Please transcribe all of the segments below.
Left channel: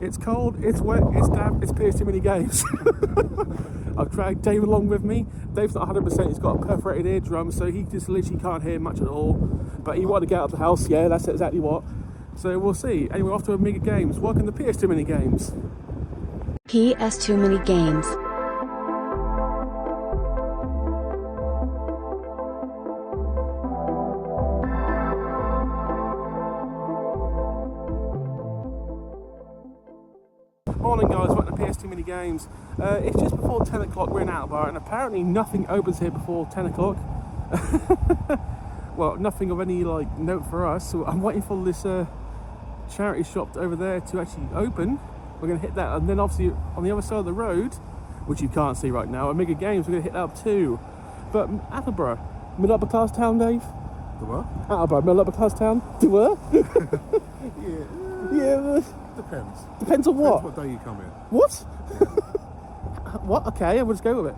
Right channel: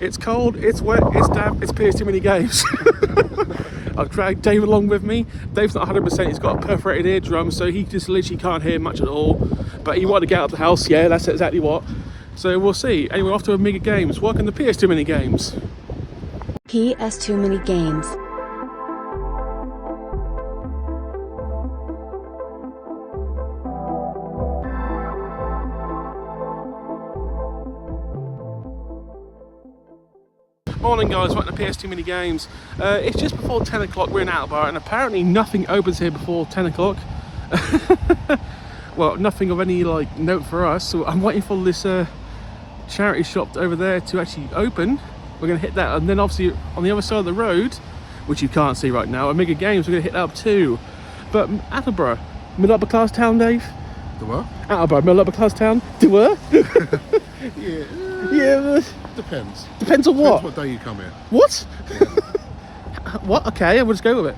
It's cold, it's wet, it's damp, it's PS too many games. I've dragged Dave along with me. Dave's not 100%, he's got a perforated eardrum, so he just literally can't hear much at all. But he wanted to get out of the house, yeah, that's exactly what. So we'll see. Anyway, off to Amiga Games. Welcome to PS Too Many Games. PS Too Many Games. Morning guys, welcome to PS Too Many Games. It's just before 10 o'clock, we're in Attleborough, and apparently nothing opens here before 10 o'clock. Well, nothing of any like note for us, so I'm waiting for this charity shop over there to actually open. We're going to hit that, and then obviously on the other side of the road, which you can't see right now, Amiga Games, we're going to hit that up too. But Attleborough, middle upper class town, Dave? The what? Attleborough, middle upper class town? Do what? Yeah. Yeah. Depends. Depends on what? Depends what day you come here. What? Yeah. What? Okay, we'll just go with it.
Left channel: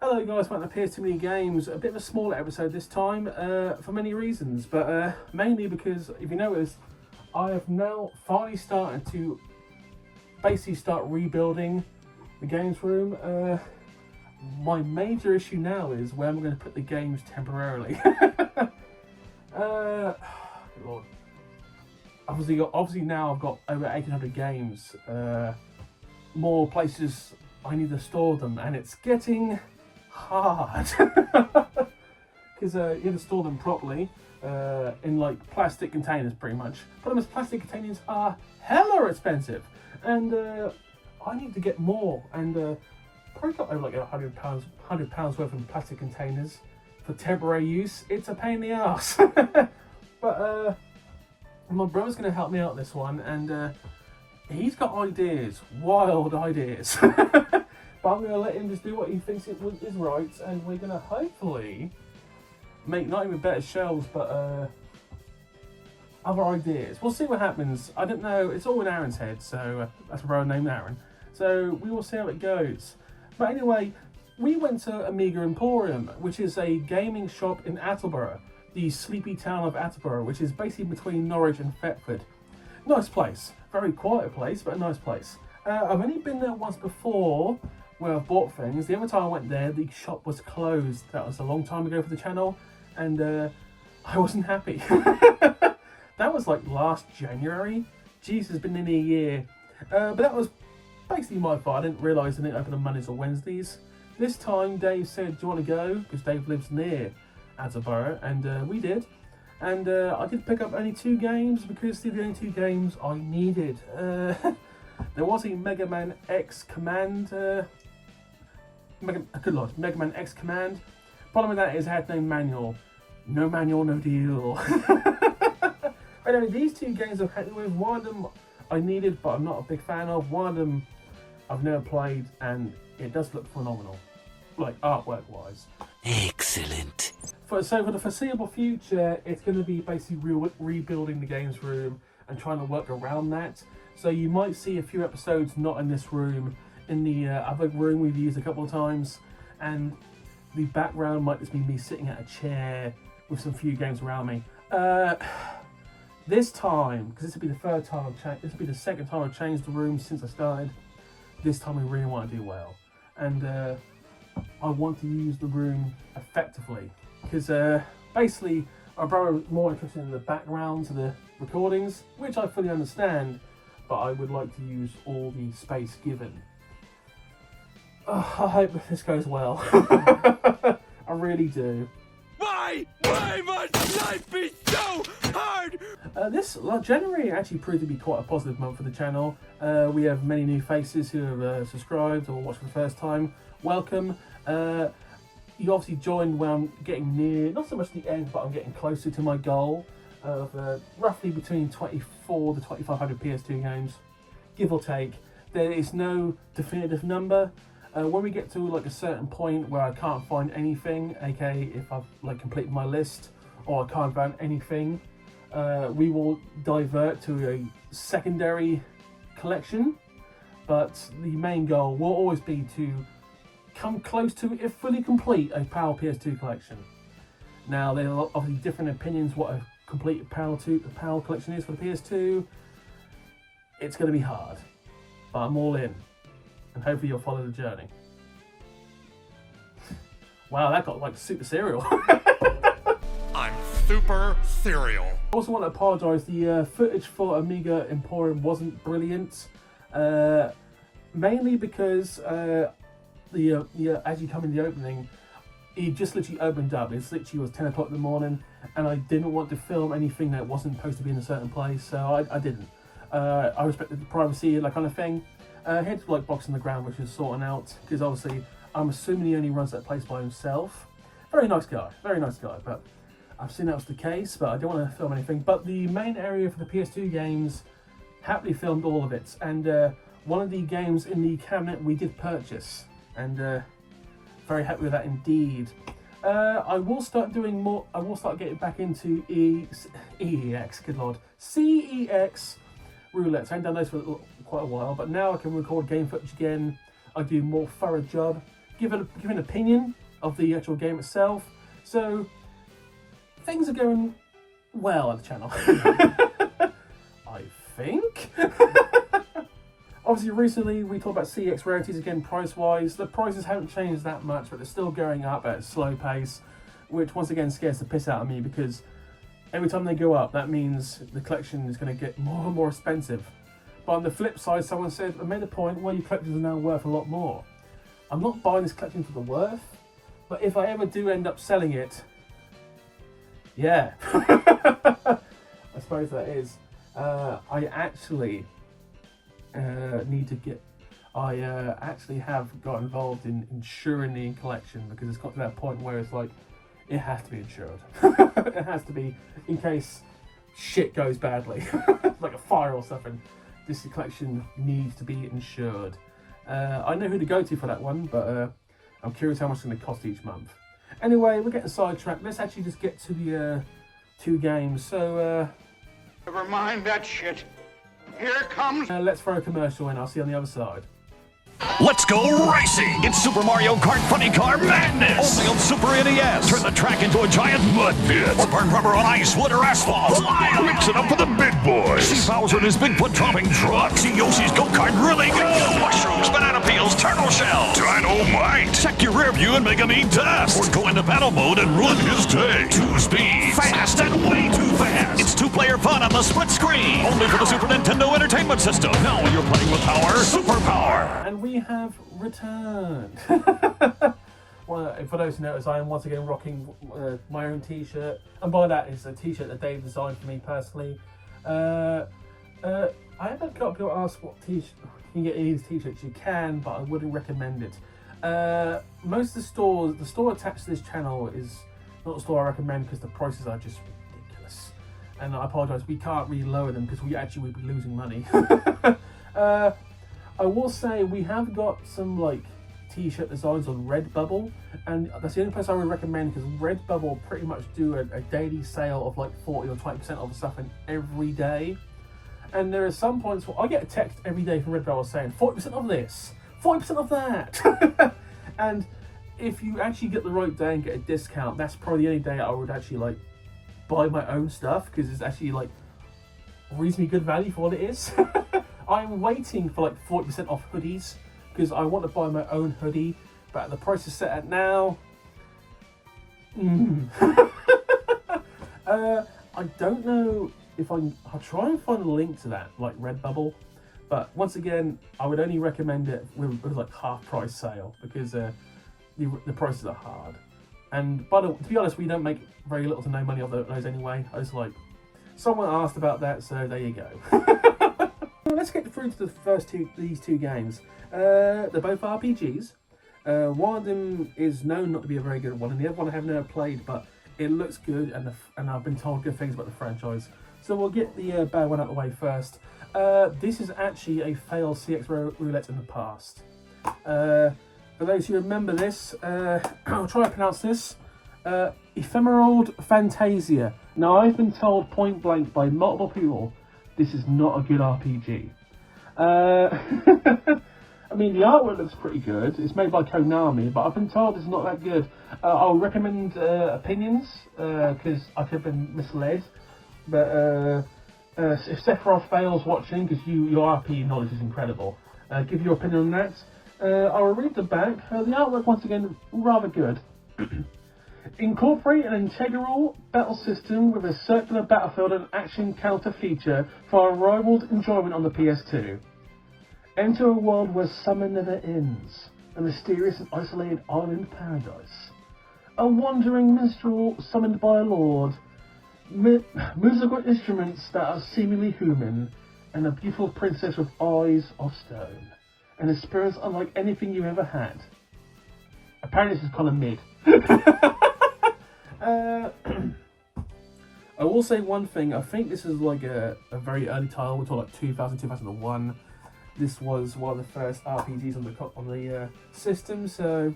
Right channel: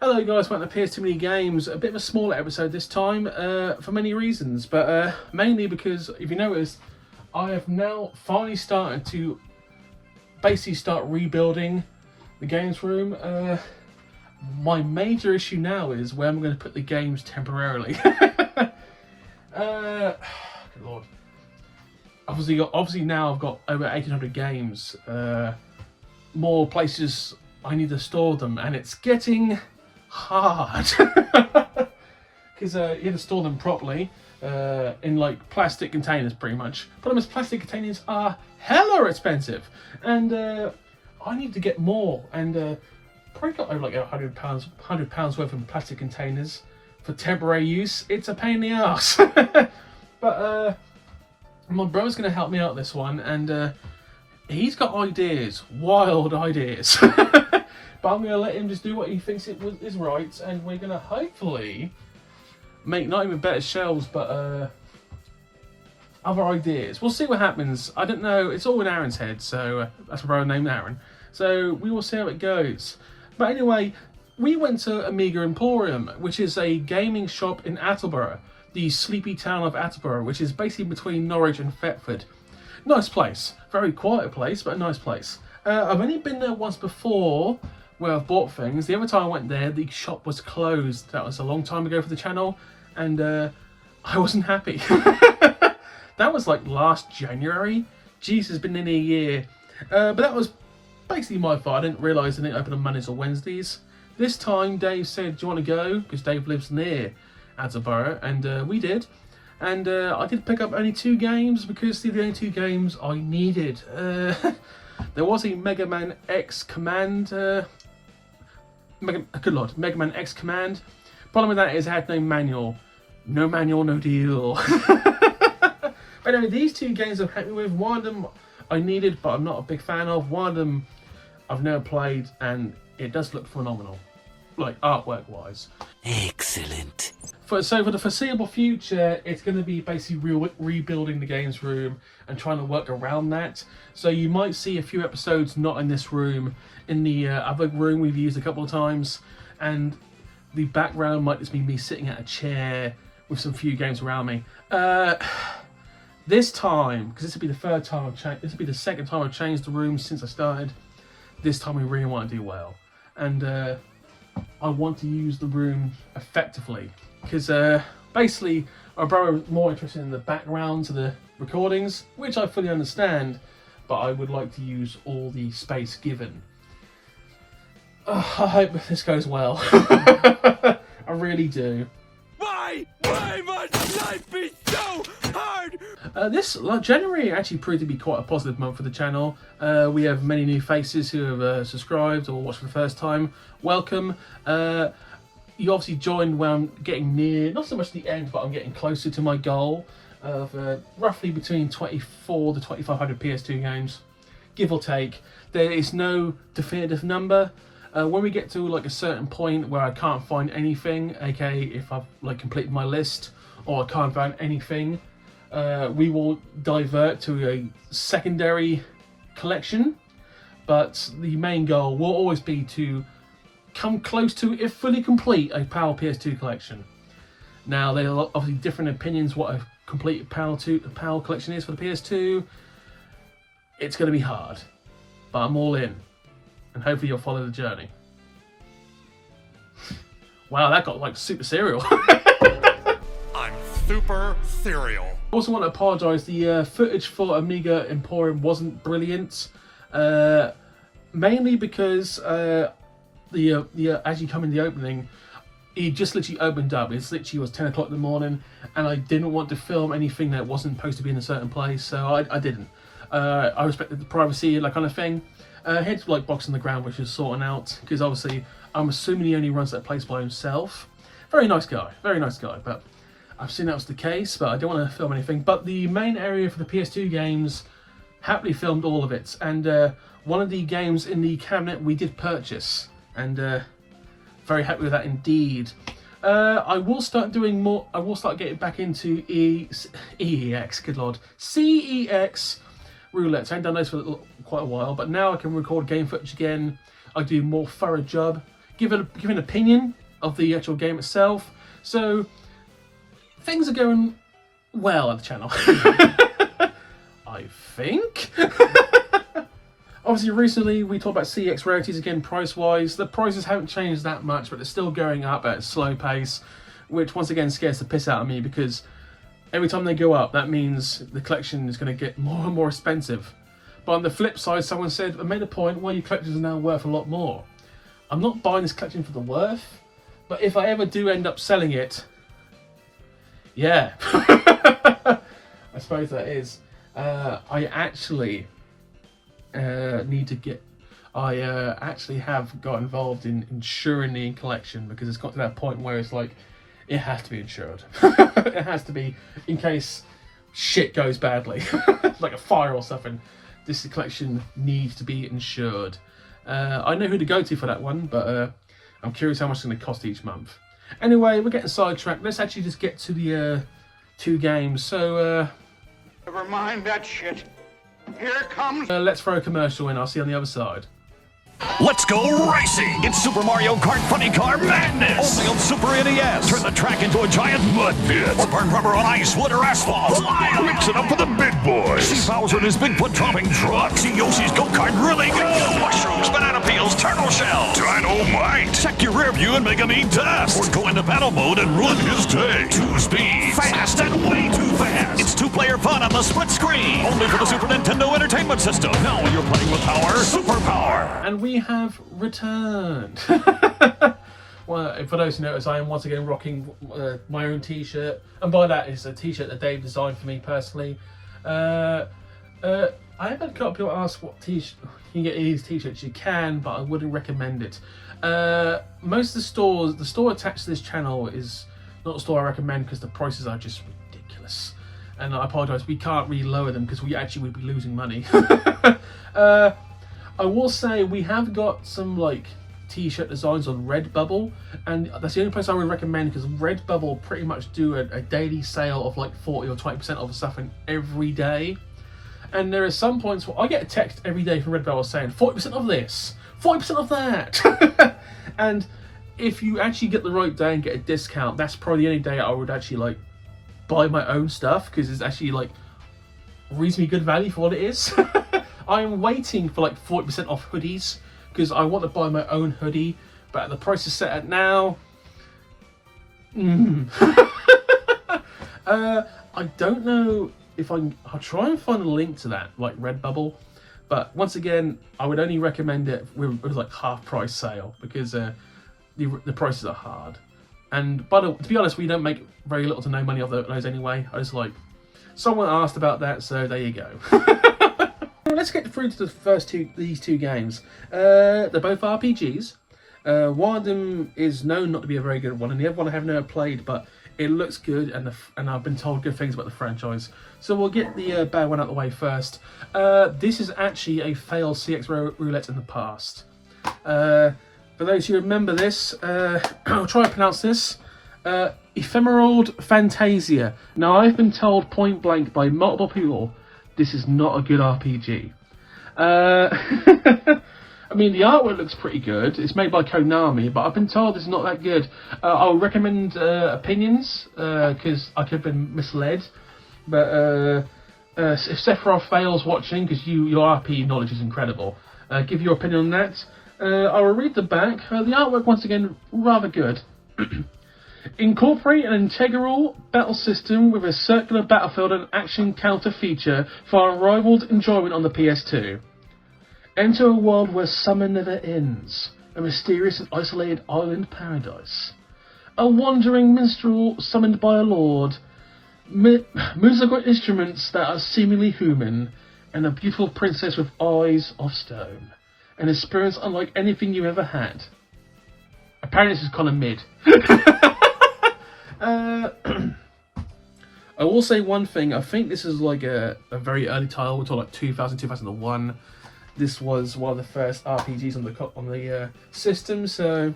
Hello guys, welcome to PS Too Many Games. A bit of a smaller episode this time for many reasons, but mainly because, if you notice, I have now finally started to basically start rebuilding the games room. My major issue now is where I'm going to put the games temporarily. Good Lord. Obviously now I've got over 1,800 games. More places I need to store them, and it's getting hard because you have to store them properly in like plastic containers, pretty much. Problem is, plastic containers are hella expensive, and I need to get more, and probably got over like £100 worth of plastic containers for temporary use. It's a pain in the ass. But my brother's going to help me out this one, and he's got ideas, wild ideas. But I'm going to let him just do what he thinks is right, and we're going to hopefully make not even better shelves, but other ideas. We'll see what happens. I don't know. It's all in Aaron's head, so that's my brother named Aaron. So we will see how it goes. But anyway, we went to Amiga Emporium, which is a gaming shop in Attleborough, the sleepy town of Attleborough, which is basically between Norwich and Thetford. Nice place. Very quiet place, but a nice place. I've only been there once before where I've bought things. The other time I went there, the shop was closed. That was a long time ago for the channel, and I wasn't happy. That was like last January. Jeez, it's been nearly a year. But that was basically my fault. I didn't realise they didn't open on Mondays or Wednesdays. This time Dave said, do you want to go? Because Dave lives near Attleborough, and we did. And I did pick up only 2 games because they're the only 2 games I needed. There was a Mega Man X Command. Good lord, Mega Man X Command. Problem with that is I had no manual. No manual, no deal. But anyway, these 2 games I'm happy with. One of them I needed, but I'm not a big fan of. One of them I've never played, and it does look phenomenal, like artwork-wise. Excellent. So for the foreseeable future, it's going to be basically rebuilding the games room and trying to work around that. So you might see a few episodes not in this room, in the other room we've used a couple of times, and the background might just be me sitting at a chair with some few games around me. This time, because this will be the third time I've changed, this will be the second time I've changed the room since I started. This time we really want to do well, and I want to use the room effectively, because basically my brother is more interested in the background to the recordings, which I fully understand, but I would like to use all the space given. I hope this goes well. I really do. Why? Why must life be so hard? This January actually proved to be quite a positive month for the channel. We have many new faces who have subscribed or watched for the first time. Welcome. You obviously joined when I'm getting near, not so much the end, but I'm getting closer to my goal of roughly between 24 to 2500 PS2 games, give or take. There is no definitive number. When we get to like a certain point where I can't find anything, aka if I've like completed my list or I can't find anything, we will divert to a secondary collection. But the main goal will always be to come close to, if fully complete, a PAL PS2 collection. Now there are obviously different opinions what a complete PAL collection is for the PS2. It's going to be hard, but I'm all in. And hopefully you'll follow the journey. Wow, that got like super serial. I'm super serial. I also want to apologise, the footage for Amiga Emporium wasn't brilliant. Mainly because as you come in the opening, it just literally opened up. It literally was 10 o'clock in the morning, and I didn't want to film anything that wasn't supposed to be in a certain place, so I didn't. I respected the privacy, that kind of thing. Head like box on the ground, which is sorting out, because obviously I'm assuming he only runs that place by himself. Very nice guy, but I've seen that was the case, but I don't want to film anything. But the main area for the PS2 games, happily filmed all of it, and one of the games in the cabinet we did purchase, and very happy with that indeed. I will start doing more. I will start getting back into EEX, good lord, CEX roulette. I haven't done those for quite a while, but now I can record game footage again. I do a more thorough job, give an opinion of the actual game itself. So things are going well at the channel. I think. Obviously, recently we talked about CX rarities again, price-wise. The prices haven't changed that much, but they're still going up at a slow pace, which once again scares the piss out of me, because every time they go up, that means the collection is going to get more and more expensive. But on the flip side, someone said, I made a point, well, your collection is now worth a lot more. I'm not buying this collection for the worth, but if I ever do end up selling it, yeah. I suppose that is. I actually need to get... I actually have got involved in insuring the collection, because it's got to that point where it's like, it has to be insured. It has to be, in case shit goes badly, like a fire or something. this collection needs to be insured. I know who to go to for that one, but I'm curious how much it's going to cost each month. Anyway, we're getting sidetracked. Let's actually just get to the 2 games. So, Never mind that shit. Here comes... let's throw a commercial in. I'll see you on the other side. Let's go racing! It's Super Mario Kart Funny Car Madness! Only on Super NES! Turn the track into a giant mud pit! Or burn rubber on ice, wood, or asphalt! Mix it up for the big boys! See Bowser in his Bigfoot dropping truck! See Yoshi's go-kart really go! Mushrooms, banana peels, turtle shells! Dynamite! Check your rear view and make him eat dust! Or go into battle mode and ruin his day! 2 speeds! Fast and way too fast! It's 2-player fun on the split screen! Only for the Super Nintendo Entertainment System! Now when you're playing with power, superpower! And we have returned. Well, for those who notice, I am once again rocking my own t-shirt, and by that is a t-shirt that Dave designed for me personally. I have had a couple of people ask what t-shirt you can get these t-shirts. You can, but I wouldn't recommend it. Most of the stores, the store attached to this channel is not a store I recommend because the prices are just ridiculous. And I apologise, we can't really lower them because we actually would be losing money. I will say we have got some like t-shirt designs on Redbubble, and that's the only place I would recommend because Redbubble pretty much do a daily sale of like 40 or 20% of stuff every day. And there are some points where I get a text every day from Redbubble saying 40% of this, 40% of that. And if you actually get the right day and get a discount, that's probably the only day I would actually like buy my own stuff because it's actually like reasonably good value for what it is. I'm waiting for like 40% off hoodies because I want to buy my own hoodie, but at the price is set at now. I don't know if I'll try and find a link to that, like Redbubble, but once again, I would only recommend it with like half price sale because the prices are hard. And to be honest, we don't make very little to no money off those anyway. I just like, someone asked about that, so there you go. Let's get through to these two games. They're both RPGs. One of them is known not to be a very good one, and the other one I have never played, but it looks good, and I've been told good things about the franchise. So we'll get the bad one out of the way first. This is actually a failed CX roulette in the past. For those who remember this, I'll try to pronounce this. Ephemeral Fantasia. Now, I've been told point blank by multiple people this is not a good RPG. I mean, the artwork looks pretty good. It's made by Konami, but I've been told it's not that good. I'll recommend opinions, because I could have been misled. But if Sephiroth fails watching, because your RPG knowledge is incredible, give your opinion on that. I will read the back. The artwork, once again, rather good. Incorporate an integral battle system with a circular battlefield and action counter feature for unrivaled enjoyment on the PS2. Enter a world where summer never ends, a mysterious and isolated island paradise. A wandering minstrel summoned by a lord, musical instruments that are seemingly human, and a beautiful princess with eyes of stone. An experience unlike anything you ever had. Apparently this is kind of mid. I will say one thing, I think this is like a very early title, we're talking like 2000, 2001. This was one of the first RPGs on the system, so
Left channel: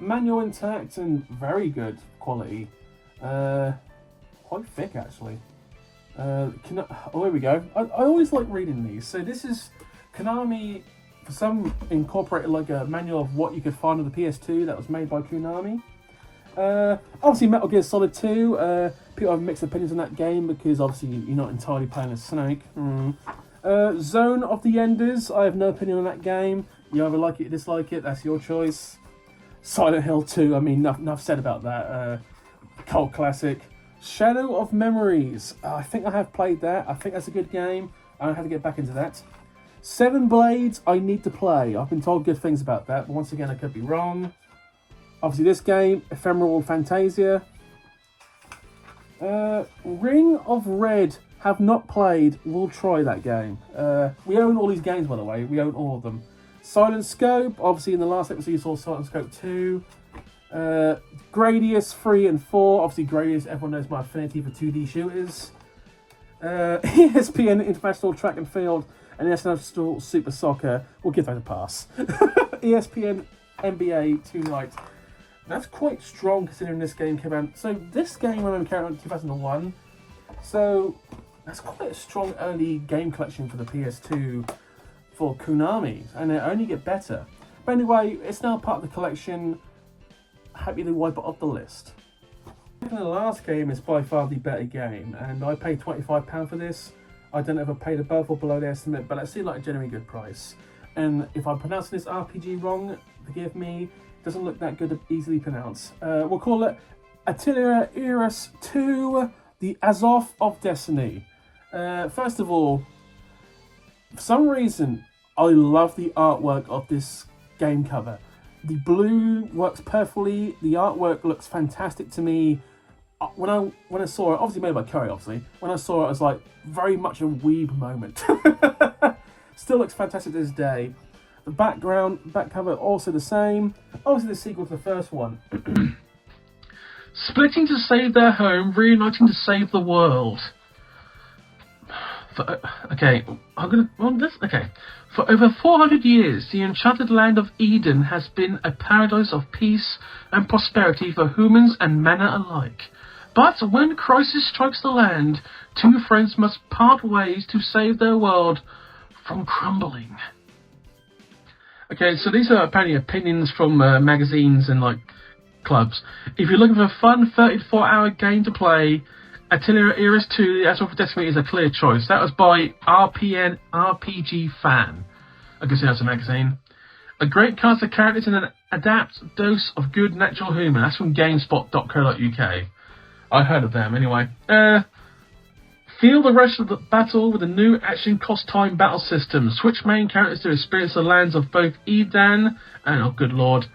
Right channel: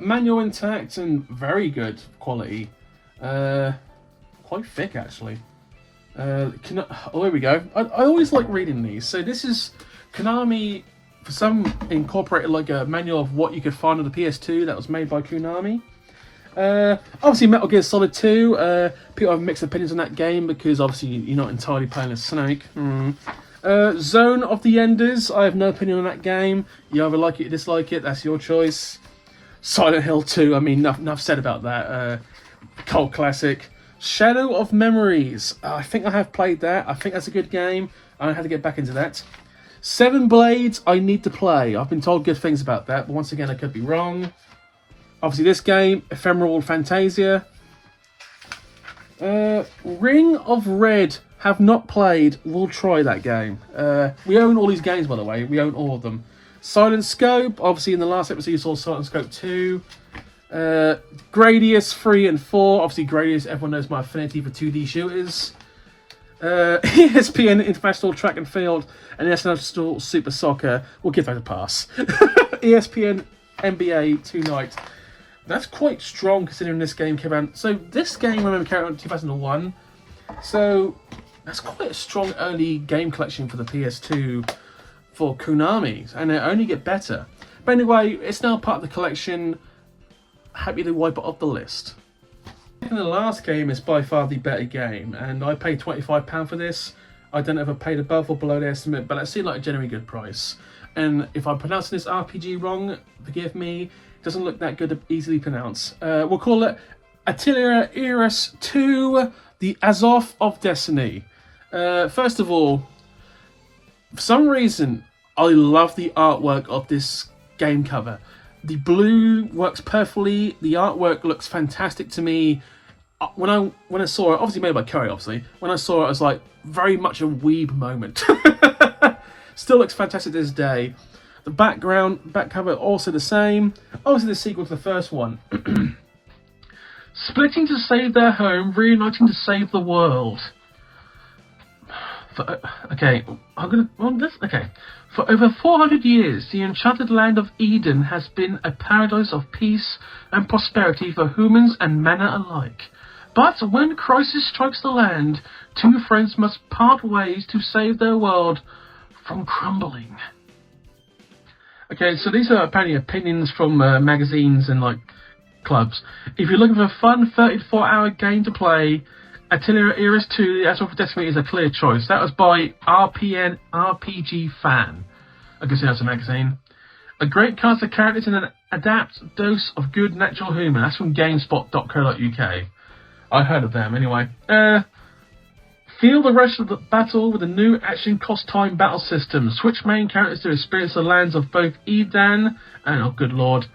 manual intact and very good quality. Quite thick actually. Oh, here we go. I always like reading these. So this is Konami, for some, incorporated like a manual of what you could find on the PS2 that was made by Konami. Obviously Metal Gear Solid 2, people have mixed opinions on that game because obviously you're not entirely playing as Snake. Zone of the Enders, I have no opinion on that game. You either like it or dislike it, that's your choice. Silent Hill 2, I mean, enough said about that. Cult classic. Shadow of Memories, I think I have played that. I think that's a good game. I had to get back into that. Seven Blades, I need to play. I've been told good things about that, but once again, I could be wrong. Obviously this game, Ephemeral Fantasia. Ring of Red, have not played, we'll try that game. We own all these games, by the way, we own all of them. Silent Scope, obviously in the last episode you saw Silent Scope 2. Gradius 3 and 4, obviously Gradius, everyone knows my affinity for 2D shooters. ESPN International Track and Field and International Super Soccer. We'll give that a pass. ESPN NBA tonight. That's quite strong considering this game came out. So this game, remember, came out in 2001. So that's quite a strong early game collection for the PS2 for Konami, and it only get better. But anyway, it's now part of the collection. Happy to wipe it off the list. And the last game is by far the better game, and I paid £25 for this. I don't know if I paid above or below the estimate, but it seemed like a genuinely good price. And if I'm pronouncing this RPG wrong, forgive me. It doesn't look that good to easily pronounce. We'll call it Attleborough 2, the Azov of Destiny. First of all, for some reason, I love the artwork of this game cover. The blue works perfectly. The artwork looks fantastic to me. When I saw it, obviously made by Curry, obviously. When I saw it, I was like, very much a weeb moment. Still looks fantastic to this day. The back cover also the same. Obviously the sequel to the first one. Splitting to save their home, reuniting to save the world. For over 400 years, the enchanted land of Eden has been a paradise of peace and prosperity for humans and manna alike. But when crisis strikes the land, two friends must part ways to save their world from crumbling. Okay, so these are apparently opinions from magazines and clubs. If you're looking for a fun 34-hour game to play, Attleborough 2, The Azov of Destiny is a clear choice. That was by RPG Fan. I guess that's a magazine. A great cast of characters and an adapt dose of good natural humour. That's from GameSpot.co.uk. I heard of them anyway. Feel the rush of the battle with a new action cost-time battle system. Switch main characters to experience the lands of both Eden and, oh good lord,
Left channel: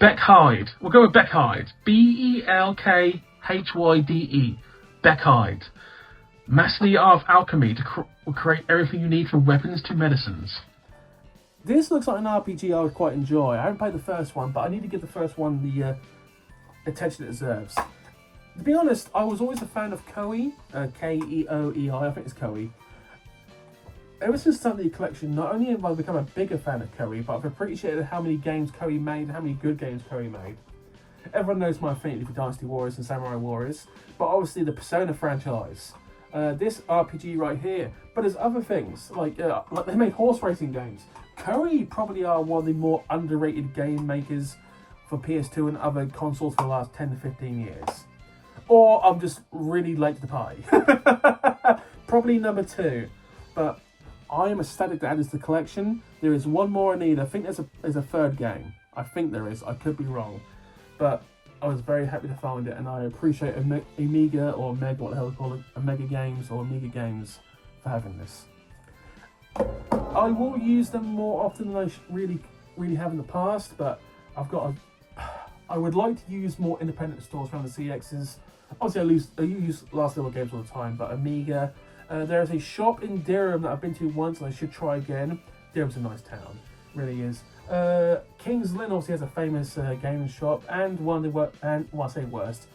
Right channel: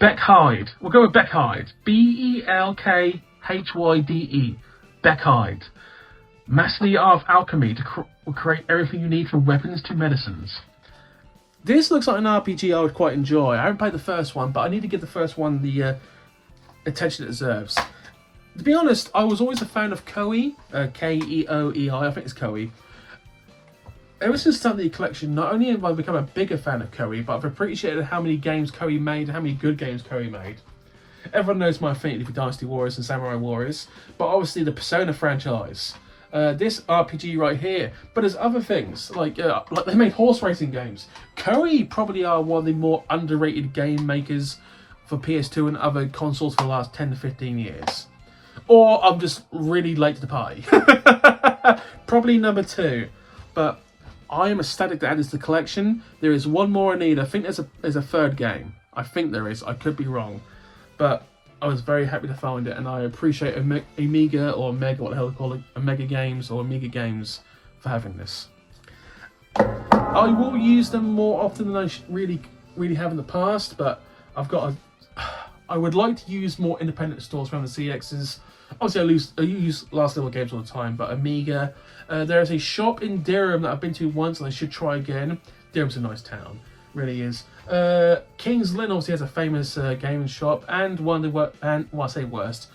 Beckhyde. We'll go with Beckhyde. Belkhyde. Beckhyde. Master the art of alchemy will create everything you need from weapons to medicines. This looks like an RPG I would quite enjoy. I haven't played the first one, but I need to give the first one the attention it deserves. To be honest, I was always a fan of Koei, K-E-O-E-I, I think it's Koei. Ever since starting the collection, not only have I become a bigger fan of Koei, but I've appreciated how many games Koei made and how many good games Koei made. Everyone knows my affinity for Dynasty Warriors and Samurai Warriors, but obviously the Persona franchise. This RPG right here, but there's other things, like they made horse racing games. Koei probably are one of the more underrated game makers for PS2 and other consoles for the last 10 to 15 years. Or I'm just really late to the party. Probably number 2, but I am ecstatic to add this to the collection. There is one more I need. I think there's a third game. I think there is. I could be wrong. But I was very happy to find it, and I appreciate Amiga or Omega, what the hell they call it, Omega Games or Amiga Games for having this. I will use them more often than I really have in the past, but I would like to use more independent stores around the CXs. Obviously, I use Last Level Games all the time, but Amiga. There is a shop in Durham that I've been to once, and I should try again. Durham's a nice town, really is. King's Lynn obviously has a famous gaming shop, and one of the I say worst,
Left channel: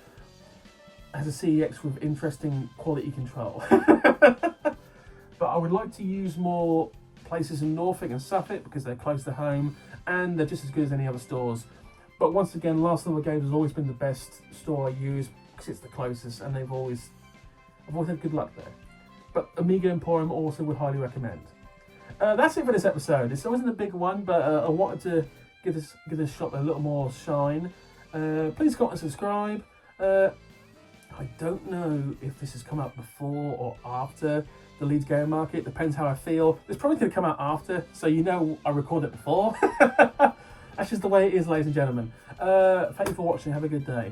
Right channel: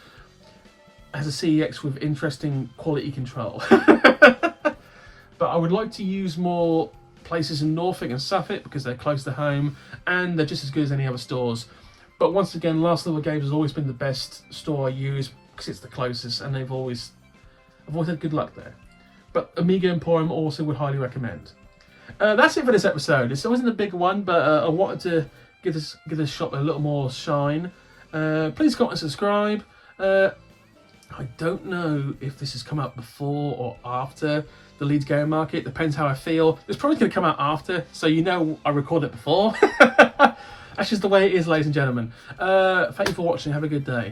has a CEX with interesting quality control. But I would like to use more places in Norfolk and Suffolk because they're close to home and they're just as good as any other stores. But once again, Last Level Games has always been the best store I use because it's the closest, and I've always had good luck there. But Amiga Emporium also would highly recommend. That's it for this episode. It wasn't a big one, but I wanted to give this shop a little more shine. Please comment and subscribe. I don't know if this has come out before or after the Leeds Game Market. Depends how I feel. It's probably going to come out after, so you know I recorded it before. That's just the way it is, ladies and gentlemen. Thank you for watching. Have a good day.